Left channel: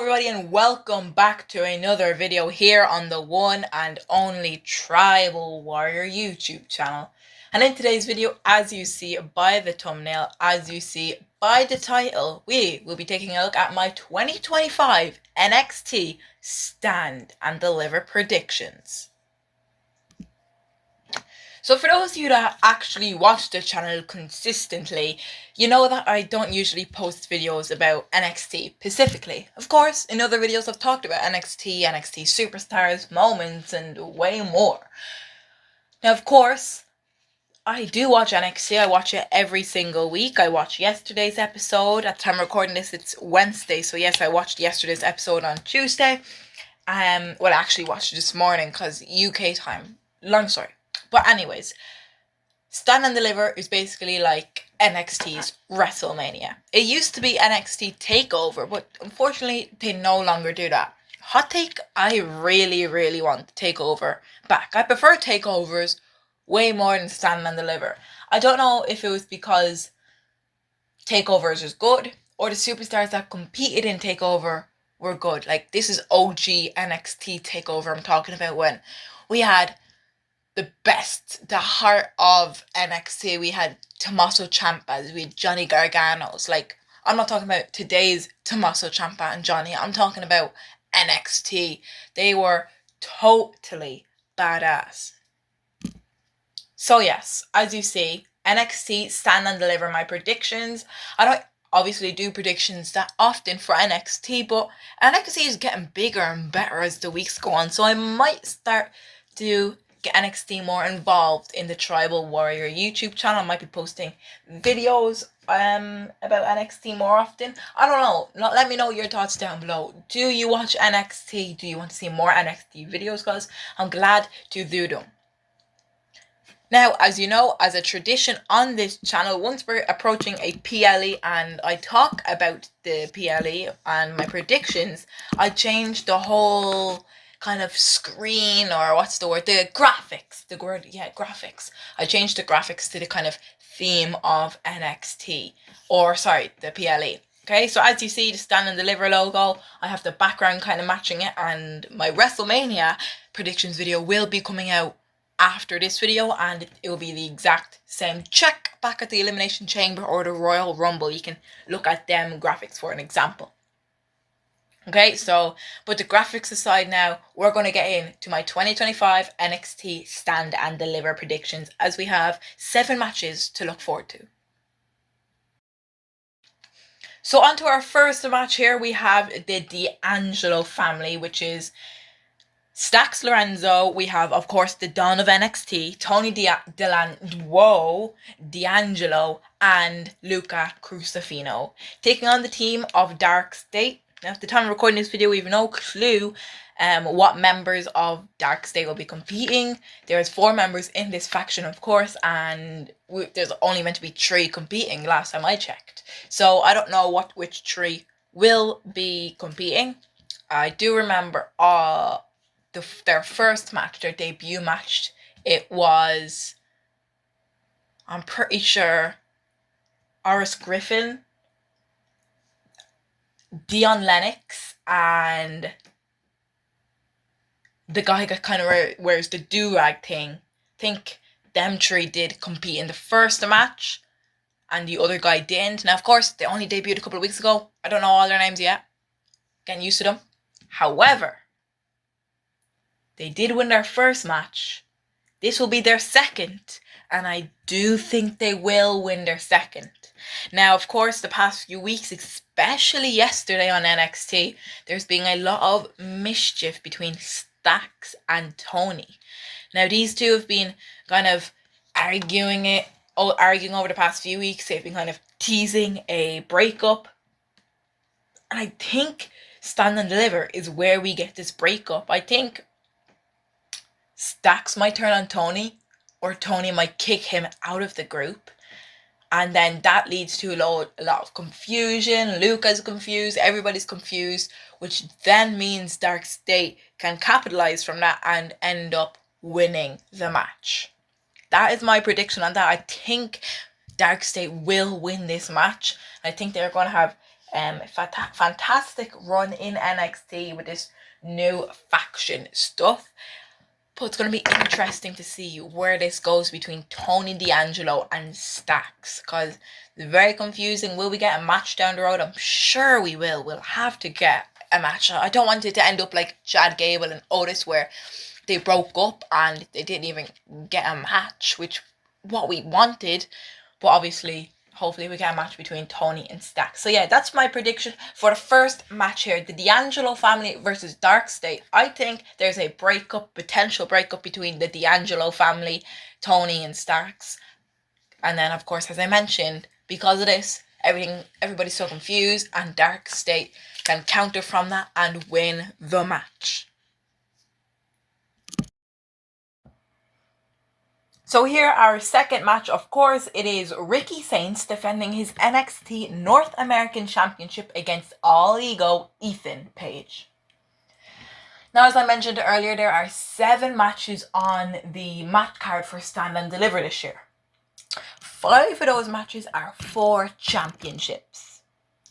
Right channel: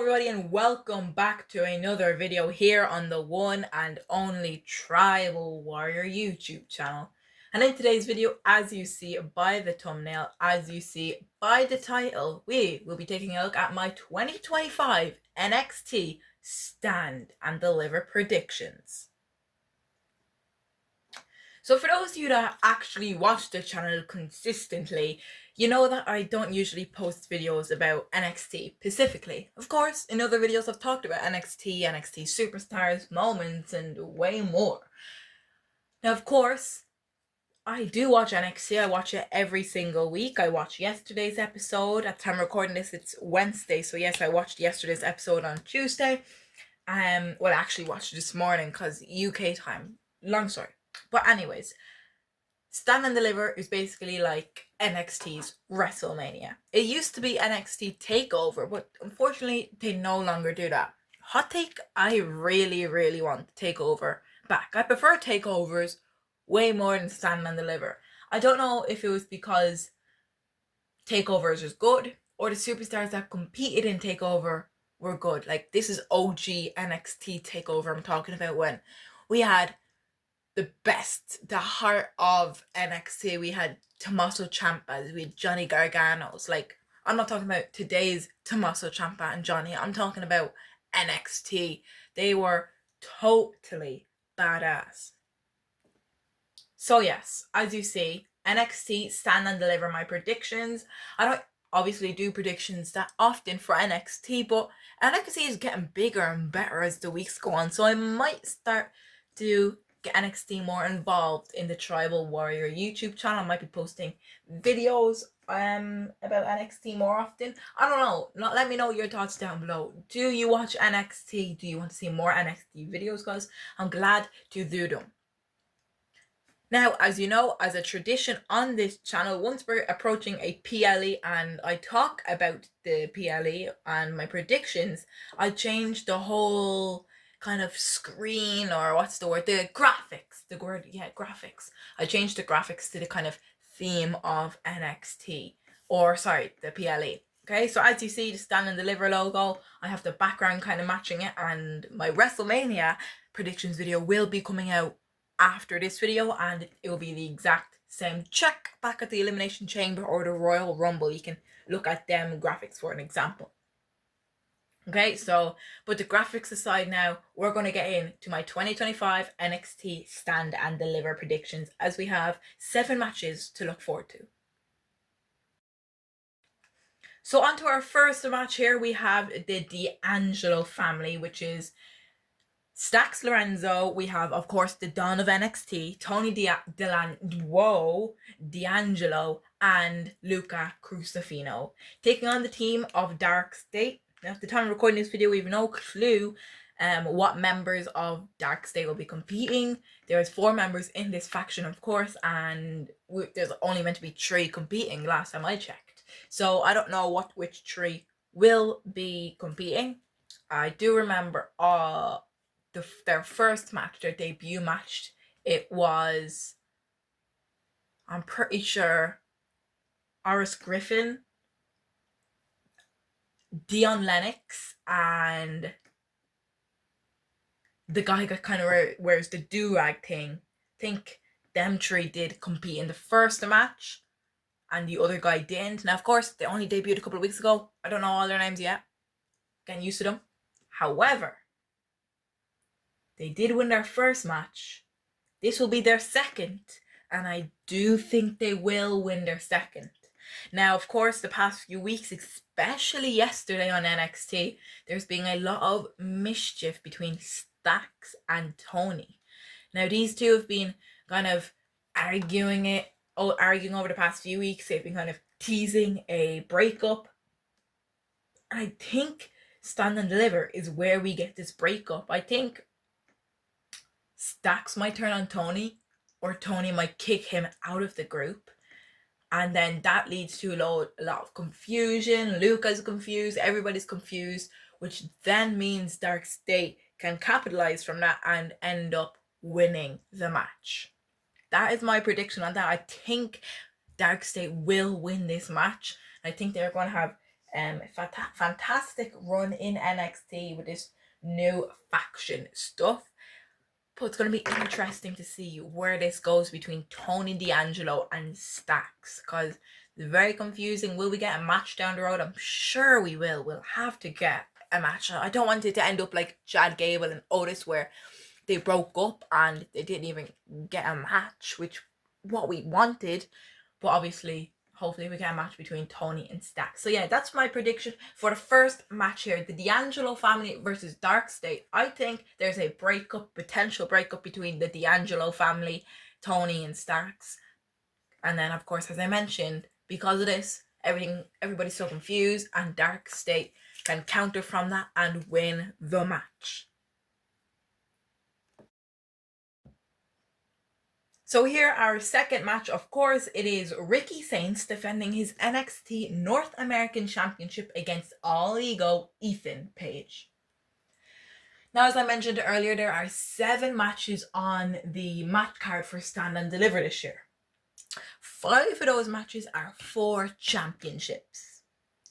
everybody, and welcome back to another video here on the one and only Tribal Warrior YouTube channel. And in today's video, as you see by the thumbnail, as you see by the title, we will be taking a look at my 2025 NXT Stand and Deliver predictions. So for those of you that actually watch the channel consistently, you know that I don't usually post videos about NXT specifically. Of course, in other videos I've talked about NXT superstars, moments, and way more. Now, of course, I do watch NXT. I watch it every single week. I watched yesterday's episode. At the time of recording this, it's Wednesday. So yes, I watched yesterday's episode on Tuesday. I actually watched it this morning because UK time. Long story. But anyways, Stand and Deliver is basically like NXT's WrestleMania. It used to be NXT TakeOver, but unfortunately they no longer do that. Hot take, I really want TakeOver back. I prefer takeovers way more than Stand and Deliver. I don't know if it was because takeovers is good or the superstars that competed in TakeOver were good. Like, this is OG NXT TakeOver I'm talking about, when we had the best, the heart of NXT. We had Tommaso Ciampas, we had Johnny Gargano's. Like, I'm not talking about today's Tommaso Ciampa and Johnny. I'm talking about NXT. They were totally badass. So yes, as you see, NXT Stand and Deliver my predictions. I don't obviously do predictions that often for NXT, but NXT is getting bigger and better as the weeks go on. So I might start to get NXT more involved in the Tribal Warrior YouTube channel. I might be posting videos about NXT more often. I don't know. Let me know your thoughts down below. Do you watch NXT? Do you want to see more NXT videos? Because I'm glad to do them. Now, as you know, as a tradition on this channel, once we're approaching a PLE and I talk about the PLE and my predictions, I change the whole kind of screen, or what's the word, the graphics, graphics. I changed the graphics to the kind of theme of NXT, or sorry, the PLE. Okay, so as you see, the Stand and Deliver logo, I have the background kind of matching it, and my WrestleMania predictions video will be coming out after this video, and it will be the exact same. Check back at the Elimination Chamber or the Royal Rumble. You can look at them graphics for an example. Okay, so, but the graphics aside now, we're going to get into my 2025 NXT Stand and Deliver predictions, as we have 7 matches to look forward to. So on to our first match here, we have the D'Angelo family, which is Stax Lorenzo. We have, of course, the Don of NXT, Tony D'Angelo, and Luca Crusifino, taking on the team of Dark State. Now, at the time of recording this video, we have no clue what members of Dark State will be competing. There's 4 members in this faction, of course, and there's only meant to be 3 competing last time I checked. So I don't know which 3 will be competing. I do remember their first match, their debut match, it was, I'm pretty sure, Oris Griffin, Dion Lennox, and the guy that kind of wears the do-rag thing. I think them 3 did compete in the first match, and the other guy didn't. Now, of course, they only debuted a couple of weeks ago. I don't know all their names yet. Getting used to them. However, they did win their first match. This will be their second, and I do think they will win their second. Now, of course, the past few weeks, especially yesterday on NXT, there's been a lot of mischief between Stax and Tony. Now, these two have been kind of arguing over the past few weeks. They've been kind of teasing a breakup. And I think Stand and Deliver is where we get this breakup. I think Stax might turn on Tony, or Tony might kick him out of the group, and then that leads to a lot of confusion. Luca's confused, everybody's confused, which then means Dark State can capitalize from that and end up winning the match. That is my prediction on that. I think Dark State will win this match. I think they're going to have Fantastic run in NXT with this new faction stuff. But it's going to be interesting to see where this goes between Tony D'Angelo and Stacks, because it's very confusing. Will we get a match down the road? I'm sure we will. We'll have to get a match. I don't want it to end up like Chad Gable and Otis, where they broke up and they didn't even get a match, which what we wanted. But obviously, hopefully we get a match between Tony and Stacks. So yeah, that's my prediction for the first match here. The D'Angelo family versus Dark State. I think there's a potential breakup between the D'Angelo family, Tony and Stacks. And then of course, as I mentioned, because of this, everybody's so confused, and Dark State can counter from that and win the match. So here, our second match, of course, it is Ricky Saints defending his NXT North American Championship against All Ego Ethan Page. Now, as I mentioned earlier, there are 7 matches on the match card for Stand and Deliver this year. 5 of those matches are for championships.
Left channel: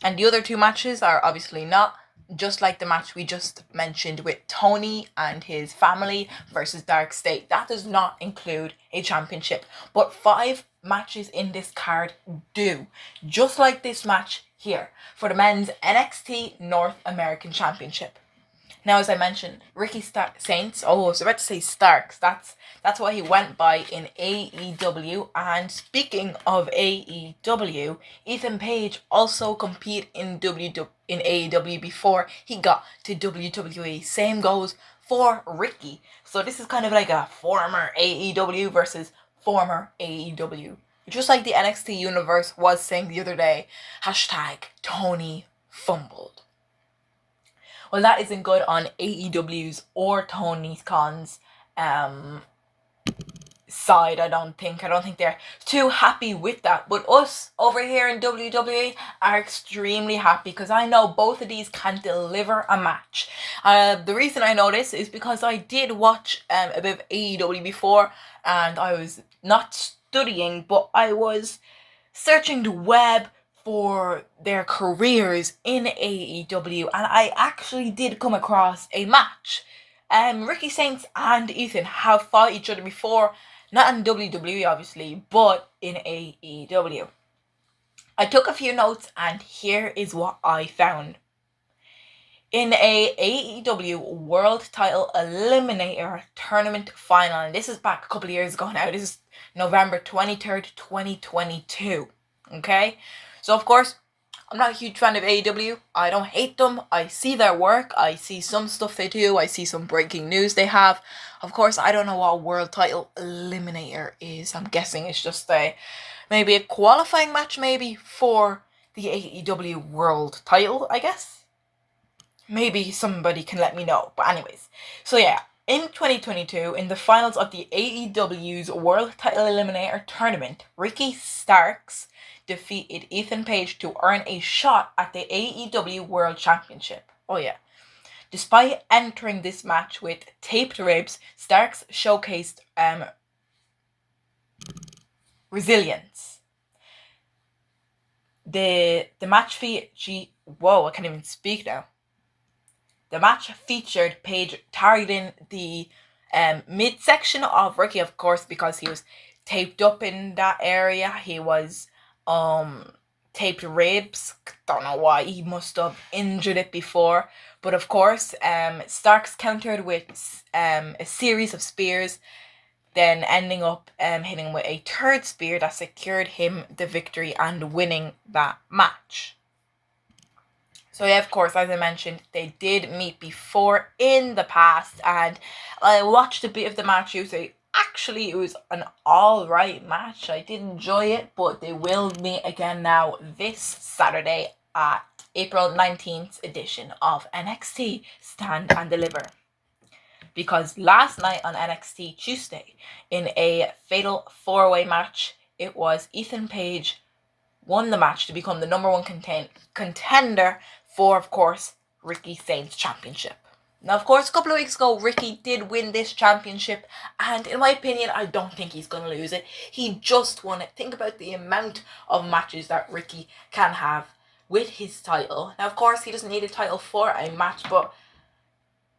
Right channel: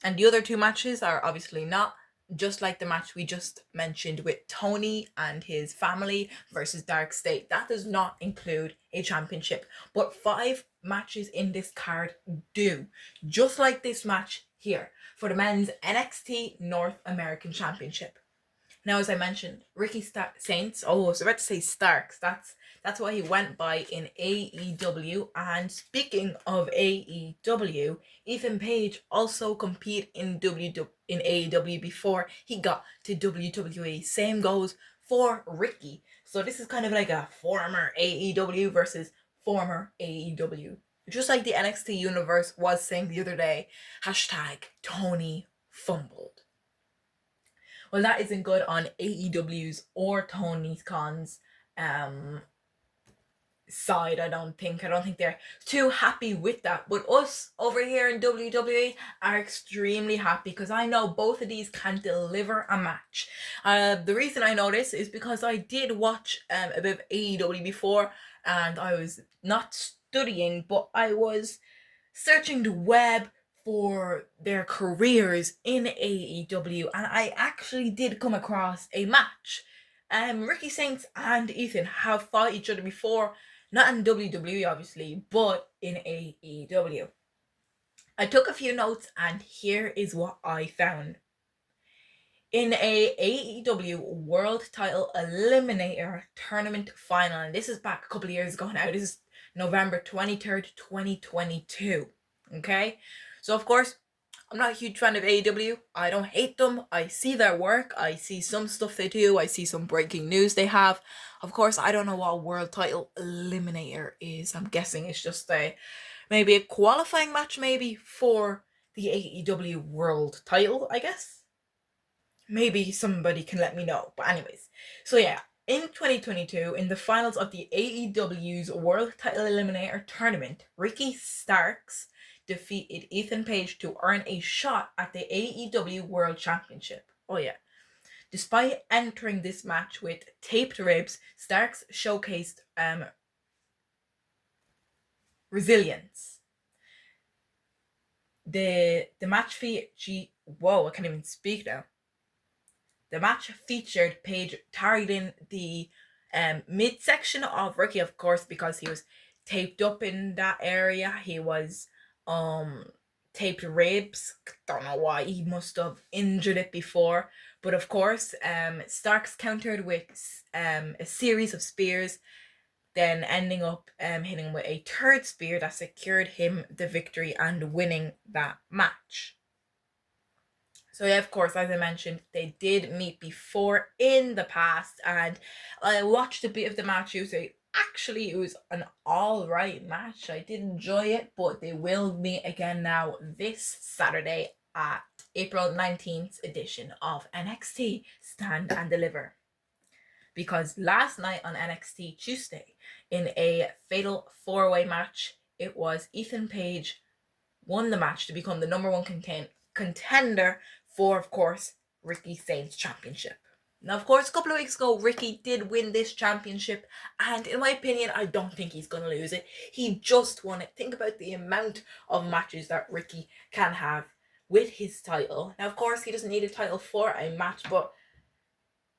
And the other 2 matches are obviously not, just like the match we just mentioned with Tony and his family versus Dark State. That does not include a championship. But 5 matches in this card do. Just like this match here for the men's NXT North American Championship. Now, as I mentioned, Ricky Saints, I was about to say Starks, that's what he went by in AEW. And speaking of AEW, Ethan Page also competed in AEW before he got to WWE. Same goes for Ricky. So this is kind of like a former AEW versus former AEW. Just like the NXT universe was saying the other day, #Tony fumbled. Well, that isn't good on AEW's or Tony Khan's side, I don't think. I don't think they're too happy with that. But us over here in WWE are extremely happy, because I know both of these can deliver a match. The reason I know this is because I did watch a bit of AEW before, and I was not studying, but I was searching the web for their careers in AEW, and I actually did come across a match. Ricky Saints and Ethan have fought each other before, not in WWE obviously, but in AEW. I took a few notes, and here is what I found. In a AEW World Title Eliminator Tournament final, and this is back a couple of years ago now, this is November 23rd, 2022, okay? So of course, I'm not a huge fan of AEW. I don't hate them. I see their work. I see some stuff they do. I see some breaking news they have. Of course, I don't know what a World Title Eliminator is. I'm guessing it's just maybe a qualifying match maybe for the AEW World Title, I guess. Maybe somebody can let me know. But anyways, so yeah, in 2022, in the finals of the AEW's World Title Eliminator Tournament, Ricky Starks defeated Ethan Page to earn a shot at the AEW World Championship. Oh yeah. Despite entering this match with taped ribs, Starks showcased resilience. The match I can't even speak now. The match featured Page targeting the midsection of Ricky, of course, because he was taped up in that area. He was taped ribs. Don't know why. He must have injured it before. But of course, Starks countered with a series of spears, then ending up hitting him with a 3rd spear that secured him the victory and winning that match. So yeah, of course, as I mentioned, they did meet before in the past, and I watched a bit of the match. Actually, it was an alright match. I did enjoy it, but they will meet again now this Saturday at April 19th edition of NXT Stand and Deliver. Because last night on NXT Tuesday, in a fatal 4-way match, it was Ethan Page won the match to become the number 1 contender for, of course, Ricky Saints' championship. Now, of course, a couple of weeks ago, Ricky did win this championship, and in my opinion, I don't think he's going to lose it. He just won it. Think about the amount of matches that Ricky can have with his title. Now, of course, he doesn't need a title for a match, but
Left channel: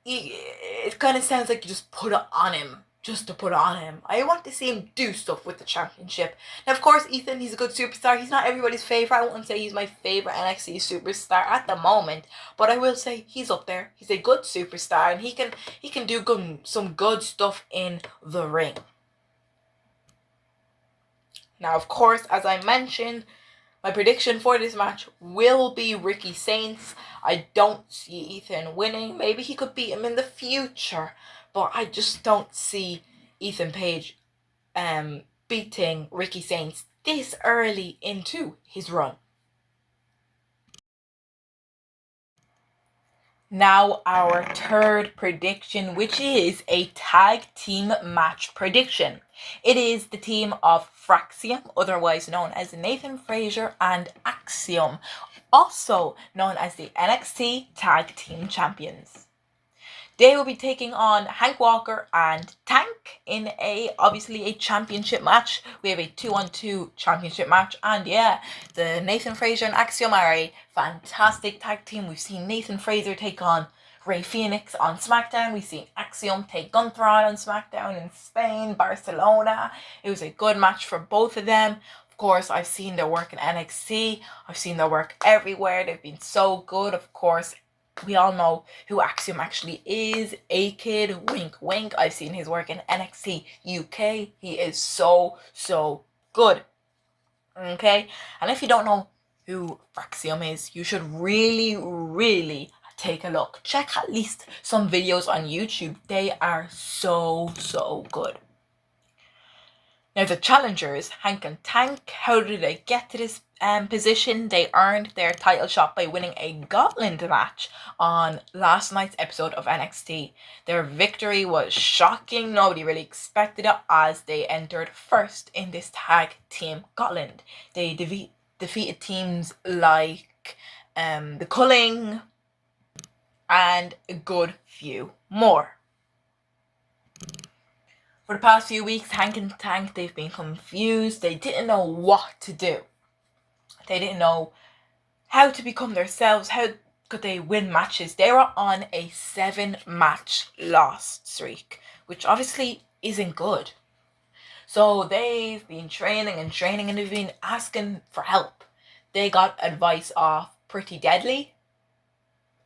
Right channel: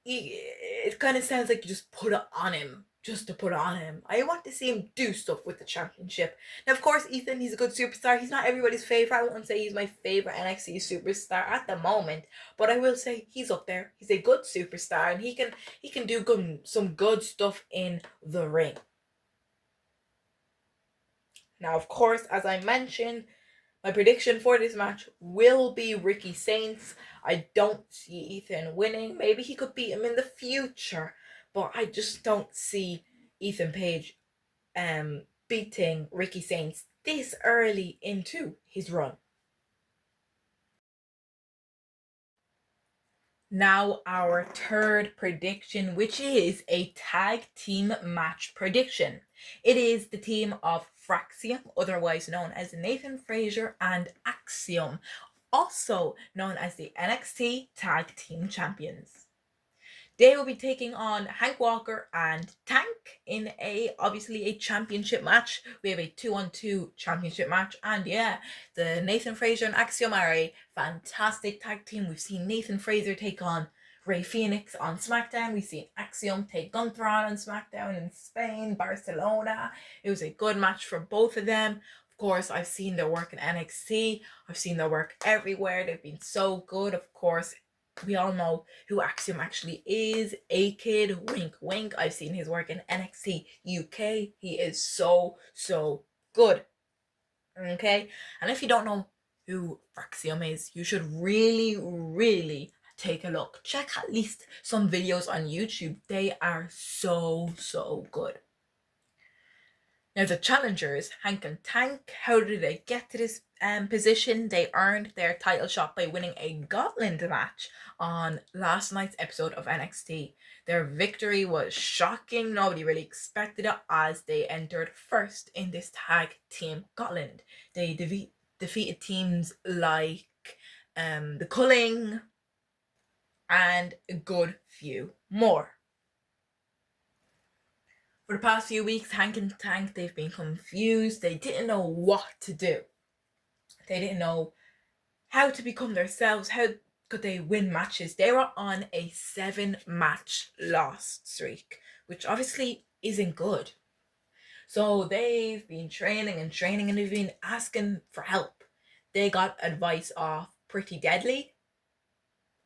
it kind of sounds like you just put it on him just to put it on him. I want to see him do stuff with the championship. Now, of course, Ethan, he's a good superstar. He's not everybody's favorite. I wouldn't say he's my favorite NXT superstar at the moment, but I will say he's up there. He's a good superstar, and he can do some good stuff in the ring. Now, of course, as I mentioned, my prediction for this match will be Ricky Saints. I don't see Ethan winning. Maybe he could beat him in the future, but I just don't see Ethan Page beating Ricky Saints this early into his run. Now our third prediction, which is a tag team match prediction. It is the team of Fraxium, otherwise known as Nathan Frazer and Axiom, also known as the NXT Tag Team Champions. They will be taking on Hank Walker and Tank in obviously a championship match. We have a 2-on-2 championship match, and yeah, the Nathan Frazer and Axiom are a fantastic tag team. We've seen Nathan Frazer take on Rey Fenix on SmackDown. We've seen Axiom take Gunther on SmackDown in Spain, Barcelona. It was a good match for both of them. Of course, I've seen their work in NXT. I've seen their work everywhere. They've been so good. Of course, we all know who Axiom actually is. A-Kid, wink, wink. I've seen his work in NXT UK. He is so good. Okay? And if you don't know who Fraxium is, you should really take a look. Check at least some videos on YouTube. They are so good. Now the challengers, Hank and Tank, how did they get to this position? They earned their title shot by winning a Gauntlet match on last night's episode of NXT. Their victory was shocking. Nobody really expected it, as they entered first in this tag team Gauntlet. They defeated teams like the Culling and a good few more. For the past few weeks, Hank and Tank, they've been confused. They didn't know what to do. They didn't know how to become themselves. How could they win matches? They were on a 7-match loss streak, which obviously isn't good. So they've been training and they've been asking for help. They got advice off Pretty Deadly.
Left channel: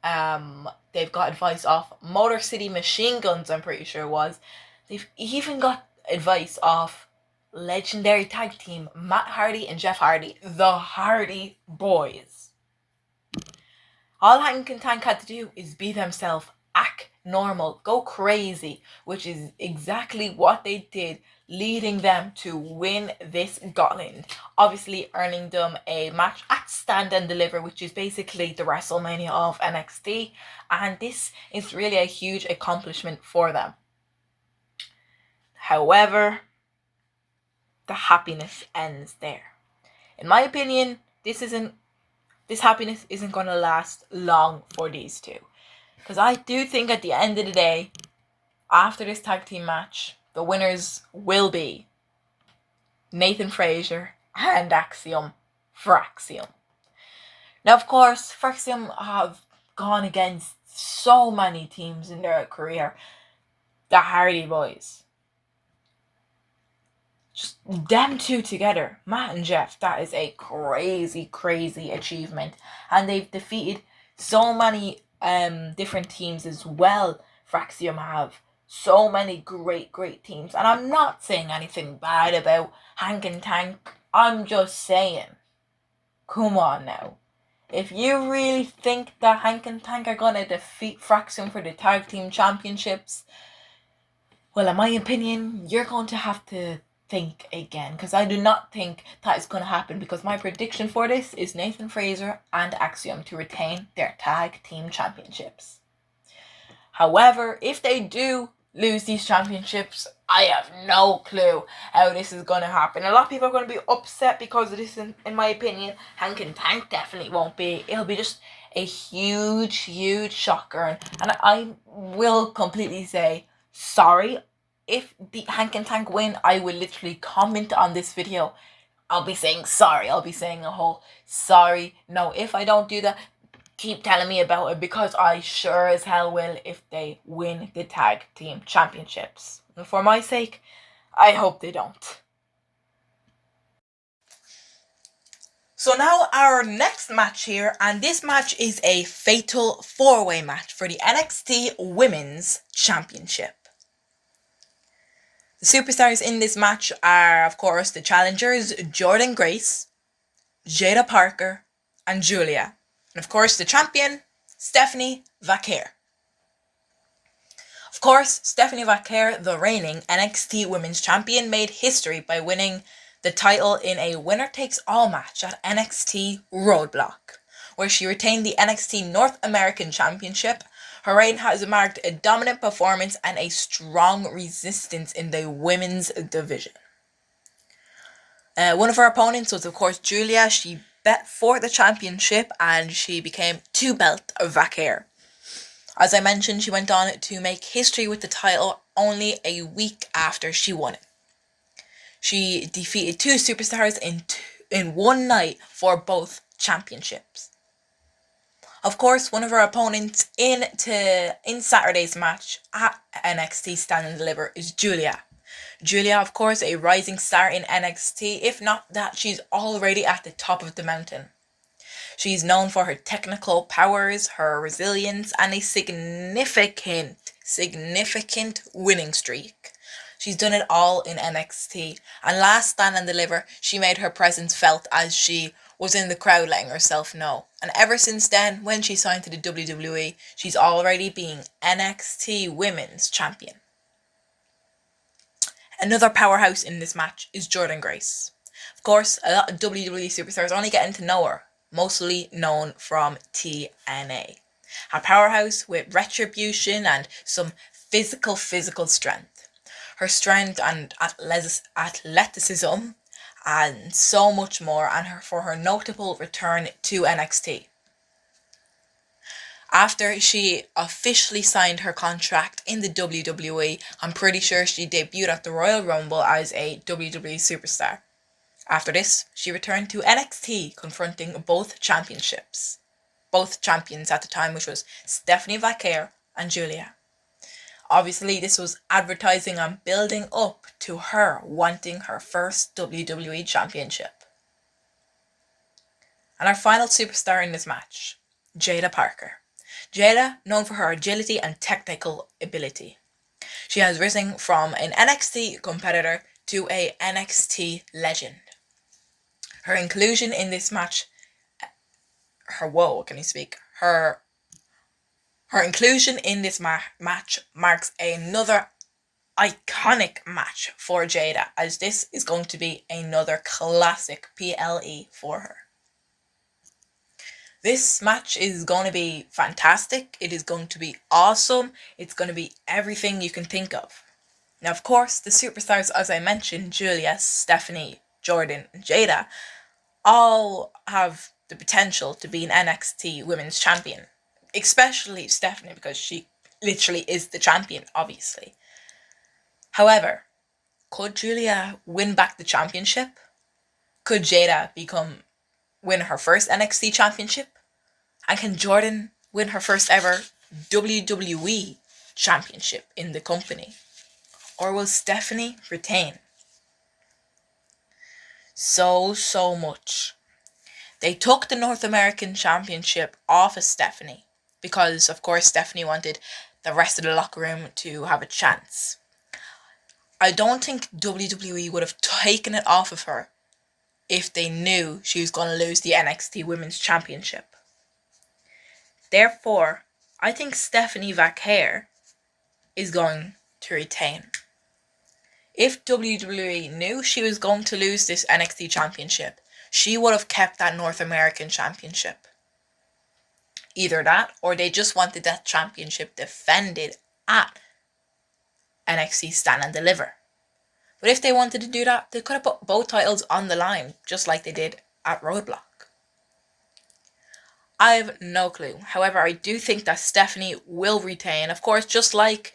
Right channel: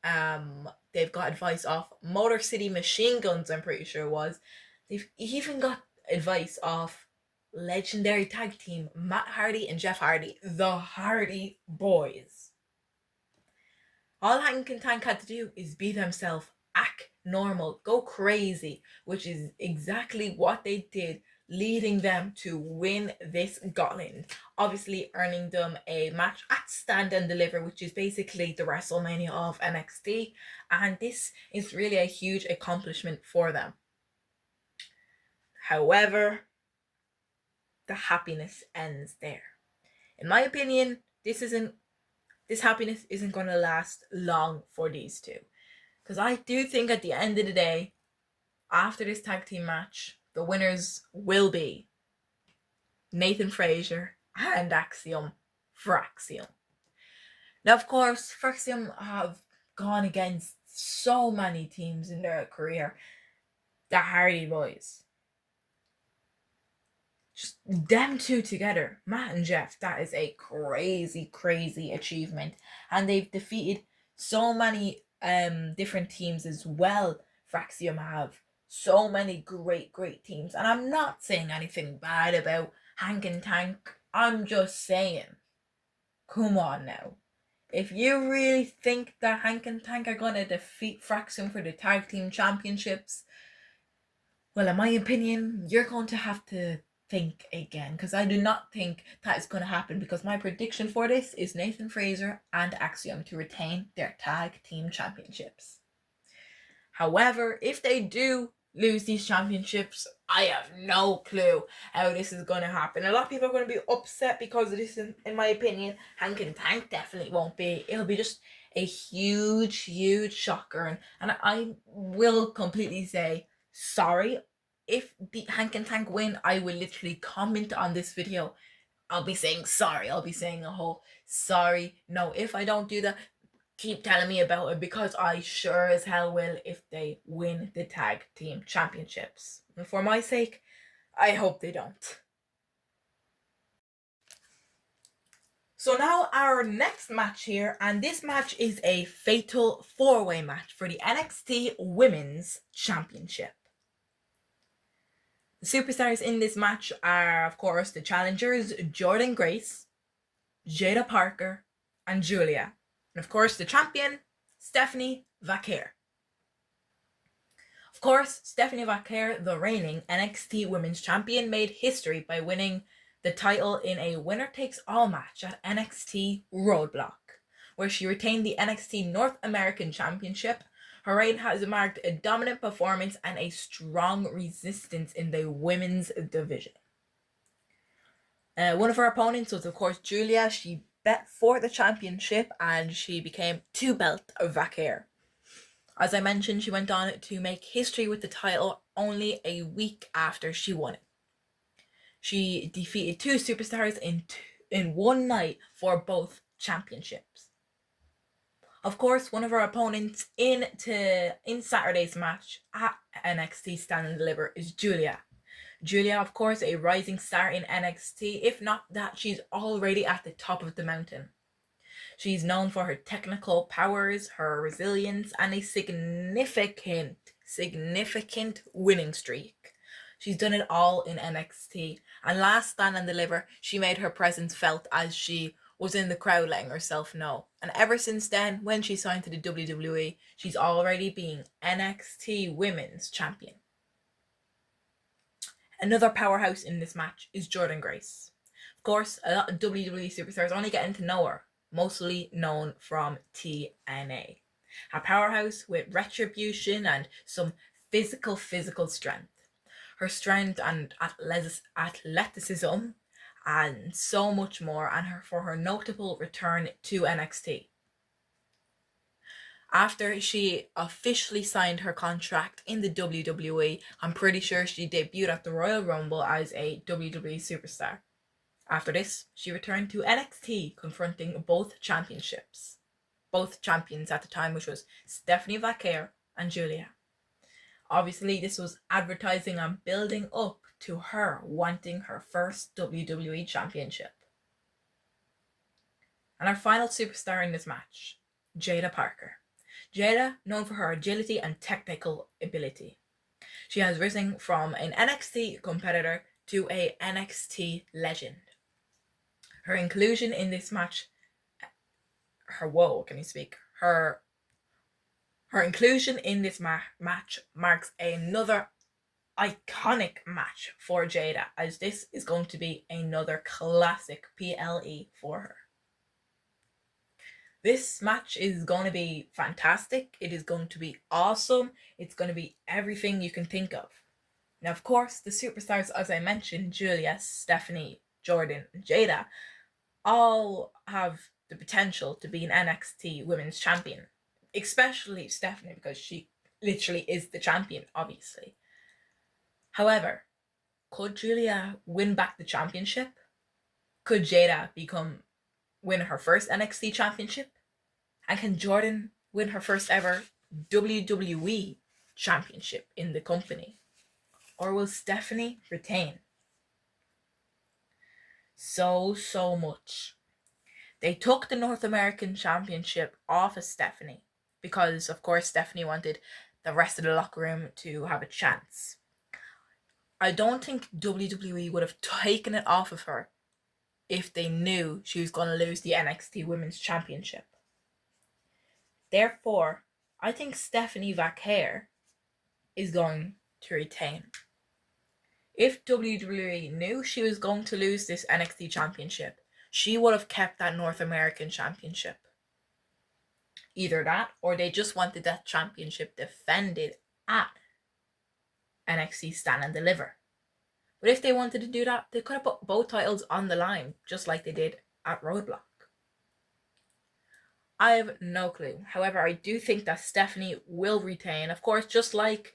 They've got advice off Motor City Machine Guns, I'm pretty sure it was. They've even got advice off legendary tag team Matt Hardy and Jeff Hardy, the Hardy Boys. All Hank and Tank had to do is be themselves, act normal, go crazy, which is exactly what they did, leading them to win this Gauntlet, obviously earning them a match at Stand and Deliver, which is basically the WrestleMania of NXT, and this is really a huge accomplishment for them. However, the happiness ends there. In my opinion, this happiness isn't going to last long for these two. Because I do think at the end of the day, after this tag team match, the winners will be Nathan Frazer and Axiom for Axiom. Now, of course, Axiom have gone against so many teams in their career. The Hardy Boys. Just them two together, Matt and Jeff, that is a crazy achievement. And they've defeated so many different teams as well. Fraxium have so many great teams. And I'm not saying anything bad about Hank and Tank. I'm just saying, come on now. If you really think that Hank and Tank are going to defeat Fraxium for the tag team championships, well, in my opinion, you're going to have to think again, because I do not think that is going to happen, because my prediction for this is Nathan Frazer and Axiom to retain their tag team championships. However, if they do lose these championships, I have no clue how this is going to happen. A lot of people are going to be upset because of this, in my opinion. Hank and Tank definitely won't be. It'll be just a huge shocker, and I will completely say sorry. If the Hank and Tank win, I will literally comment on this video I'll be saying sorry. I'll be saying a whole sorry. No, if I don't do that, keep telling me about it, because I sure as hell will if they win the tag team championships. And for my sake, I hope they don't. So now our next match here, and this match is a fatal 4-way match for the NXT Women's Championship. The superstars in this match are, of course, the challengers Jordynne Grace, Jada Parker, and Julia. And of course, the champion, Stephanie Vaquer. Of course, Stephanie Vaquer, the reigning NXT Women's Champion, made history by winning the title in a winner-takes-all match at NXT Roadblock, where she retained the NXT North American Championship. Her reign has marked a dominant performance and a strong resistance in the women's division. One of her opponents was, of course, Julia. She bet for the championship and she became two-belt Vaquer. As I mentioned, she went on to make history with the title only a week after she won it. She defeated two superstars in one night for both championships. Of course, one of her opponents in Saturday's match at NXT Stand and Deliver is Julia. Julia, of course, a rising star in NXT. If not that, she's already at the top of the mountain. She's known for her technical powers, her resilience, and a significant winning streak. She's done it all in NXT, and last Stand and Deliver, she made her presence felt as she was in the crowd letting herself know. And ever since then, when she signed to the WWE, she's already been NXT Women's Champion. Another powerhouse in this match is Jordynne Grace. Of course, a lot of WWE superstars are only getting to know her, mostly known from TNA. A powerhouse with retribution and some physical strength. Her strength and athleticism and so much more, and for her notable return to NXT. After she officially signed her contract in the WWE, I'm pretty sure she debuted at the Royal Rumble as a WWE superstar. After this, she returned to NXT, confronting both champions at the time, which was Stephanie Vaquer and Julia. Obviously, this was advertising and building up to her wanting her first WWE Championship. And our final superstar in this match, Jada Parker. Jada, known for her agility and technical ability. She has risen from an NXT competitor to a NXT legend. Her inclusion in this match, her inclusion in this match marks another iconic match for Jada, as this is going to be another classic PLE for her. This match is going to be fantastic. It is going to be awesome. It's going to be everything you can think of. Now, of course, the superstars, as I mentioned, Julia, Stephanie, Jordynne, and Jada, all have the potential to be an NXT Women's Champion. Especially Stephanie, because she literally is the champion, obviously. However, could Julia win back the championship? Could Jada win her first NXT championship? And can Jordynne win her first ever WWE championship in the company? Or will Stephanie retain? So much. They took the North American Championship off of Stephanie because, of course, Stephanie wanted the rest of the locker room to have a chance. I don't think WWE would have taken it off of her if they knew she was going to lose the NXT Women's Championship. Therefore, I think Stephanie Vaquer is going to retain. If WWE knew she was going to lose this NXT Championship, she would have kept that North American Championship. Either that, or they just wanted that championship defended at NXT Stand and Deliver. But if they wanted to do that, they could have put both titles on the line, just like they did at Roadblock. I have no clue. However, I do think that Stephanie will retain. Of course, just like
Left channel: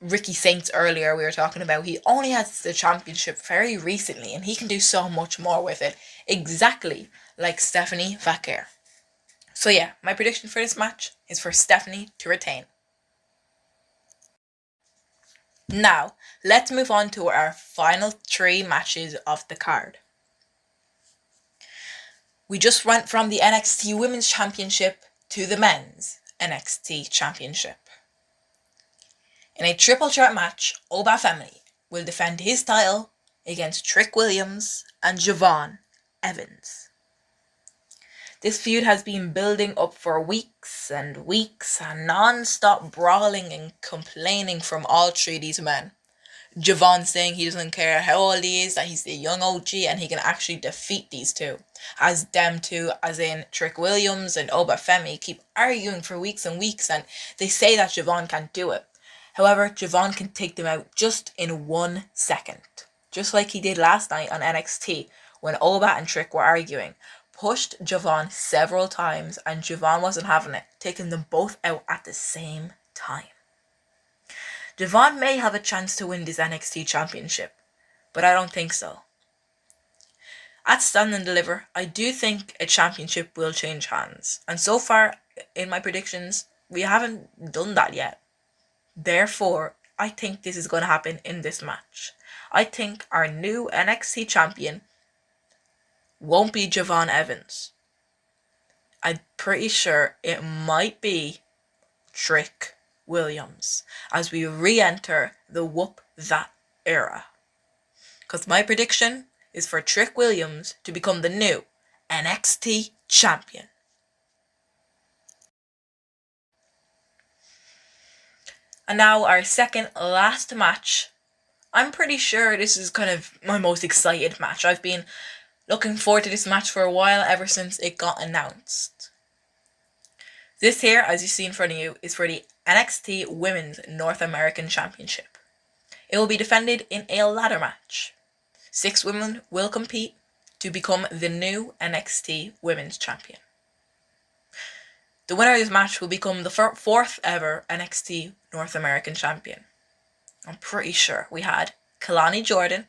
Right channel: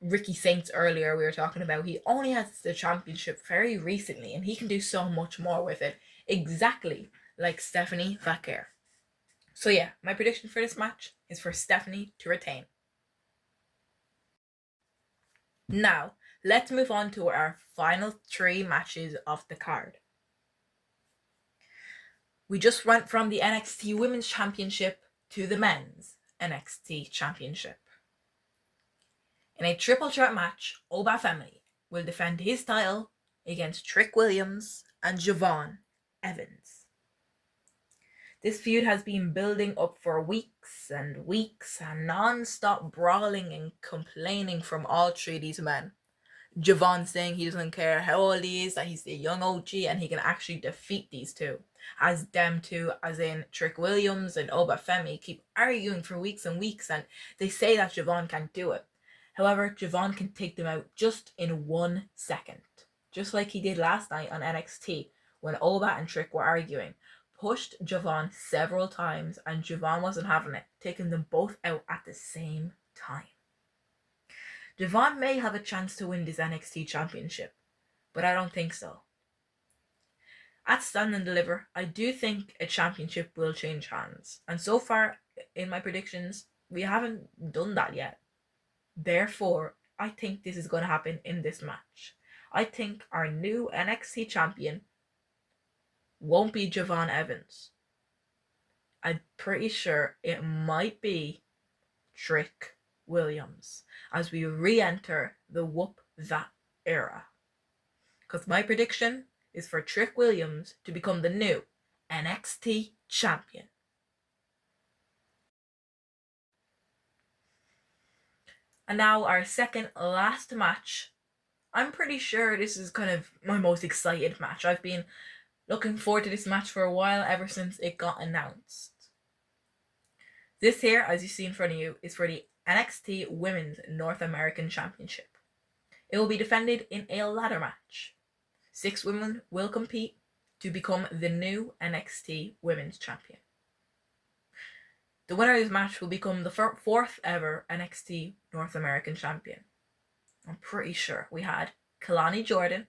Ricky Saints earlier we were talking about, he only has the championship very recently and he can do so much more with it, exactly like Stephanie Vaquer. So yeah, my prediction for this match is for Stephanie to retain. Now, let's move on to our final 3 matches of the card. We just went from the NXT Women's Championship to the Men's NXT Championship. In a triple threat match, Oba Femi will defend his title against Trick Williams and Javon Evans. This feud has been building up for weeks and weeks and non-stop brawling and complaining from all 3 of these men. Javon saying he doesn't care how old he is, that he's the young OG and he can actually defeat these two. As them two, as in Trick Williams and Oba Femi, keep arguing for weeks and weeks and they say that Javon can't do it. However, Javon can take them out just in 1 second. Just like he did last night on NXT when Oba and Trick were arguing. Pushed Javon several times and Javon wasn't having it, taking them both out at the same time. Javon may have a chance to win this NXT championship, but I don't think so. At Stand and Deliver, I do think a championship will change hands, and so far in my predictions, we haven't done that yet. Therefore, I think this is going to happen in this match. I think our new NXT champion won't be Javon Evans. I'm pretty sure it might be Trick Williams as we re-enter the Whoop That era. Because my prediction is for Trick Williams to become the new NXT champion. And now our second last match. I'm pretty sure this is kind of my most excited match. I've been looking forward to this match for a while, ever since it got announced. This here, as you see in front of you, is for the NXT Women's North American Championship. It will be defended in a ladder match. 6 women will compete to become the new NXT Women's Champion. The winner of this match will become the 4th ever NXT North American Champion. I'm pretty sure we had Kalani Jordan,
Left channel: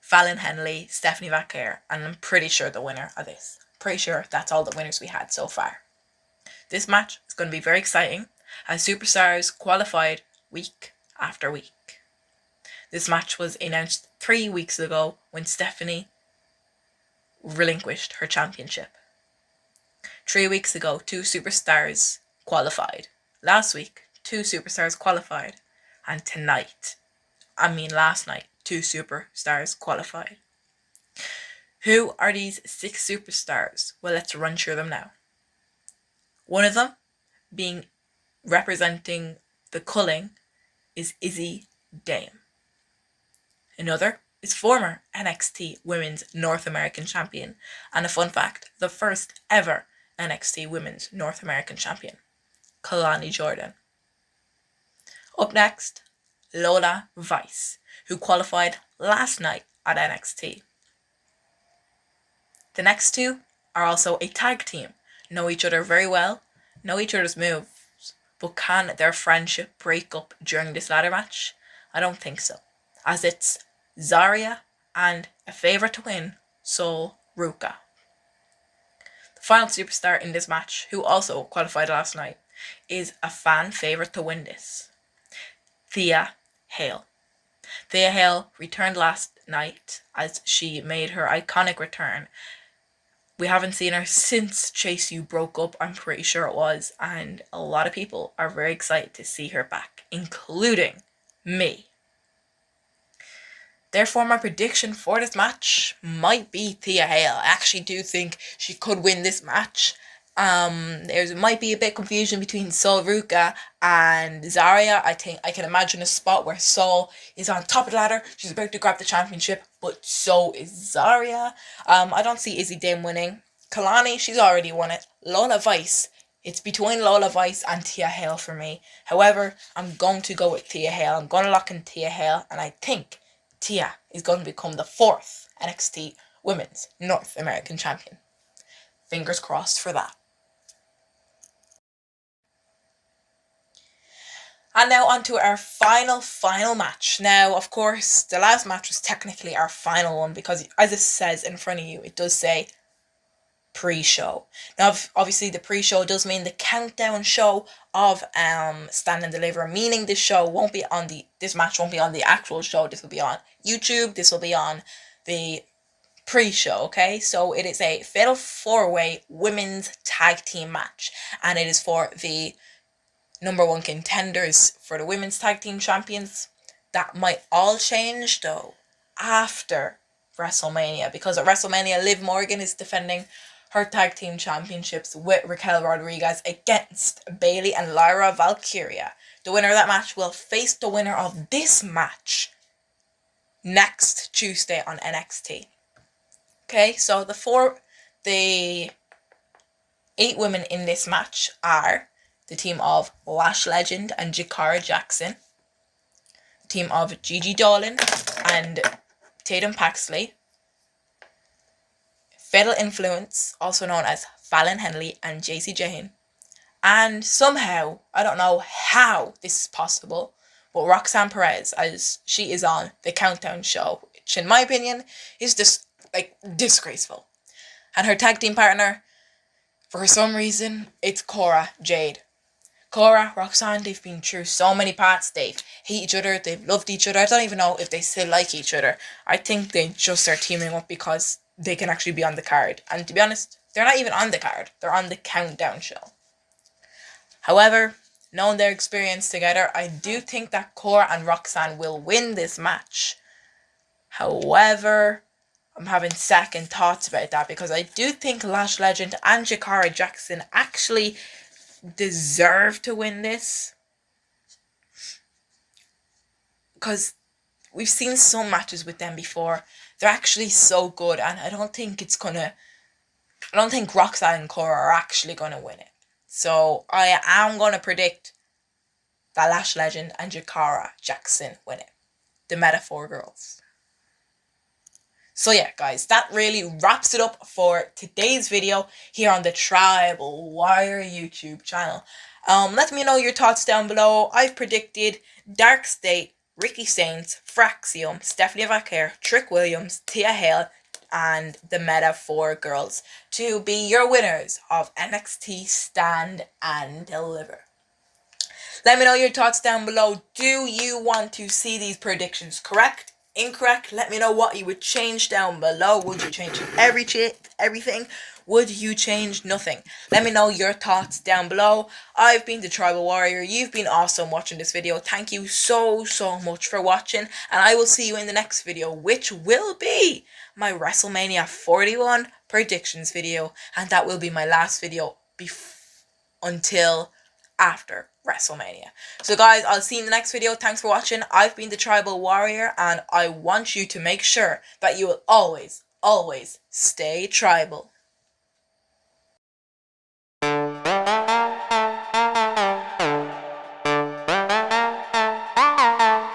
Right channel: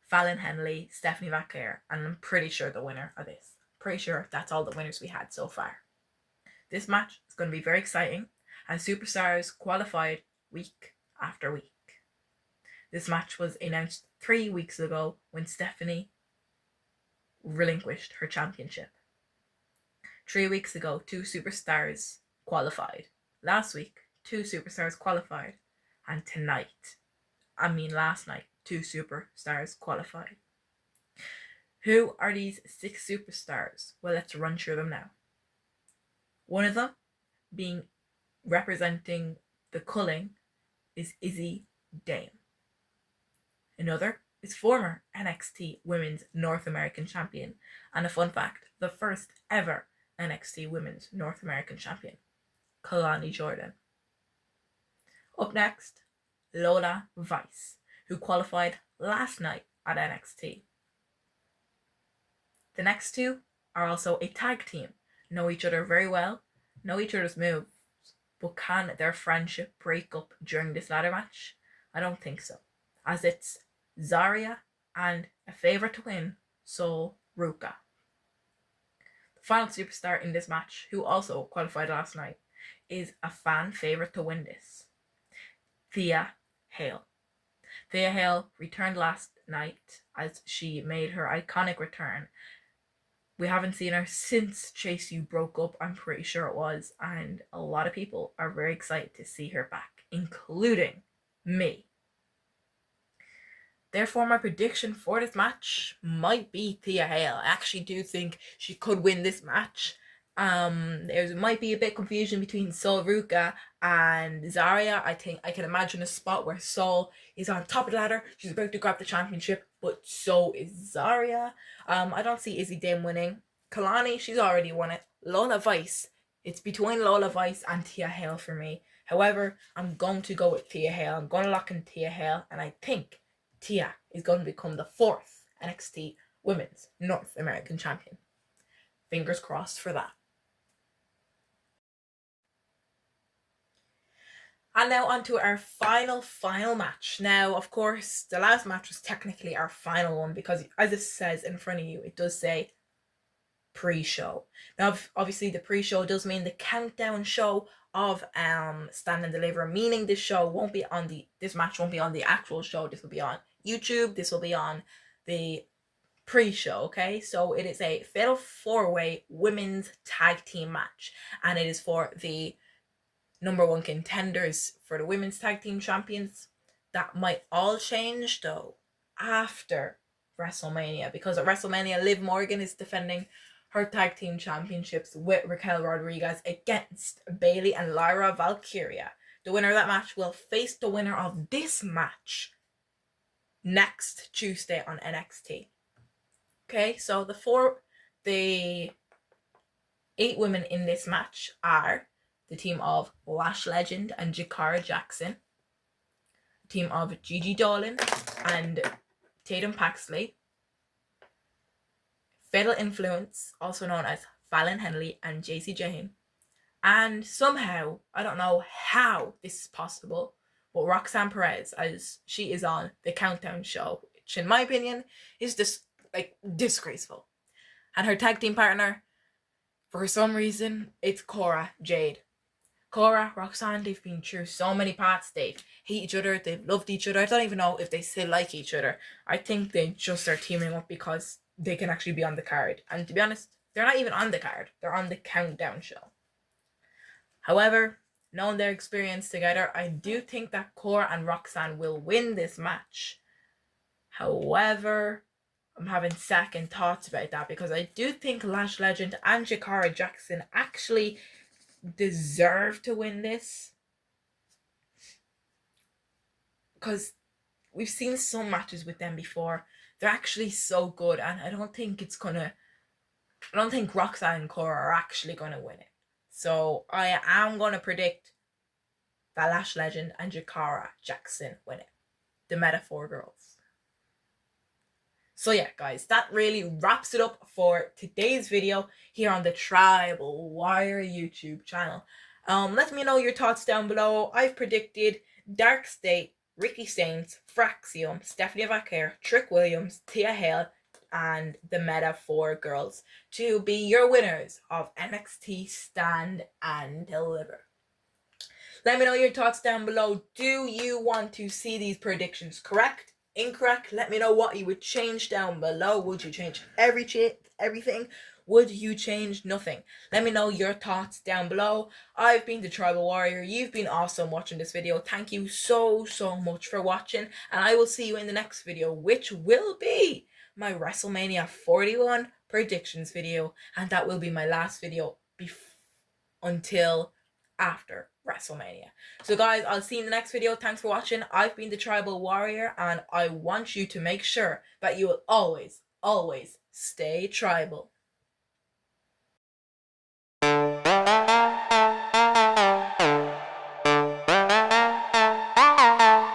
Fallon Henley, Stephanie Vaquer, and I'm pretty sure the winner of this. Pretty sure that's all the winners we had so far. This match is going to be very exciting as superstars qualified week after week. This match was announced 3 weeks ago when Stephanie relinquished her championship. 3 weeks ago, 2 superstars qualified. Last week, 2 superstars qualified. And last night, 2 superstars qualified. Who are these 6 superstars? Well, let's run through them now. One of them, being representing the culling, is Izzy Dame. Another is former NXT Women's North American Champion, and a fun fact, the first ever NXT Women's North American Champion, Kalani Jordan. Up next, Lola Vice, who qualified last night at NXT. The next 2 are also a tag team, know each other very well, know each other's moves, but can their friendship break up during this ladder match? I don't think so, as it's Zarya and a favourite to win, Sol Ruka. The final superstar in this match, who also qualified last night, is a fan favourite to win this, Thea Hale. Thea Hale returned last night as she made her iconic return. We haven't seen her since Chase U broke up, I'm pretty sure it was, and a lot of people are very excited to see her back, including me. Therefore, my prediction for this match might be Thea Hale. I actually do think she could win this match. There might be a bit of confusion between Sol Ruka and Zarya. I think I can imagine a spot where Sol is on top of the ladder. She's about to grab the championship, but so is Zarya. I don't see Izzy Dame winning. Kalani, she's already won it. Lola Vice, it's between Lola Vice and Thea Hale for me. However, I'm going to go with Thea Hale. I'm going to lock in Thea Hale, and I think Thea is going to become the 4th NXT Women's North American Champion. Fingers crossed for that. And now on to our final match. Now, of course, the last match was technically our final one because, as it says in front of you, it does say pre-show. Now, obviously, the pre-show does mean the countdown show of Stand and Deliver, meaning this match won't be on the actual show. This will be on YouTube. This will be on the pre-show, okay? So it is a fatal 4-way women's tag team match, and it is for the number one contenders for the women's tag team champions. That might all change though after WrestleMania, because at WrestleMania, Liv Morgan is defending her tag team championships with Raquel Rodriguez against Bayley and Lyra Valkyria. The winner of that match will face the winner of this match next Tuesday on NXT. Okay, so the 8 women in this match are the team of Lash Legend and Jakara Jackson, the team of Gigi Dolan and Tatum Paxley, Fatal Influence, also known as Fallon Henley and JC Jane, and somehow, I don't know how this is possible, but Roxanne Perez, as she is on the Countdown show, which in my opinion is just disgraceful. And her tag team partner, for some reason, it's Cora Jade. Cora, Roxanne, they've been through so many parts. They hate each other. They've loved each other. I don't even know if they still like each other. I think they just are teaming up because they can actually be on the card. And to be honest, they're not even on the card. They're on the Countdown show. However, knowing their experience together, I do think that Cora and Roxanne will win this match. However, I'm having second thoughts about that because I do think Lash Legend and Jakara Jackson actually deserve to win this, because we've seen some matches with them before. They're actually so good, and I don't think Roxanne and Cora are actually gonna win it. So I am gonna predict that Lash Legend and Jakara Jackson win it. The Metaphor Girls. So yeah, guys, that really wraps it up for today's video here on the Tribal Warrior YouTube channel. Let me know your thoughts down below. I've predicted Dark State, Ricky Saints, Fraxium, Stephanie Vaquer, Trick Williams, Tia Hale, and the Metaphor Girls to be your winners of NXT Stand and Deliver. Let me know your thoughts down below. Do you want to see these predictions correct? Incorrect? Let me know what you would change down below. Would you change everything? Would you change nothing? Let me know your thoughts down below. I've been the Tribal Warrior. You've been awesome watching this video. Thank you so much for watching, and I will see you in the next video, which will be my WrestleMania 41 predictions video, and that will be my last video until after WrestleMania. So guys, I'll see you in the next video. Thanks for watching. I've been the Tribal Warrior, and I want you to make sure that you will always stay tribal.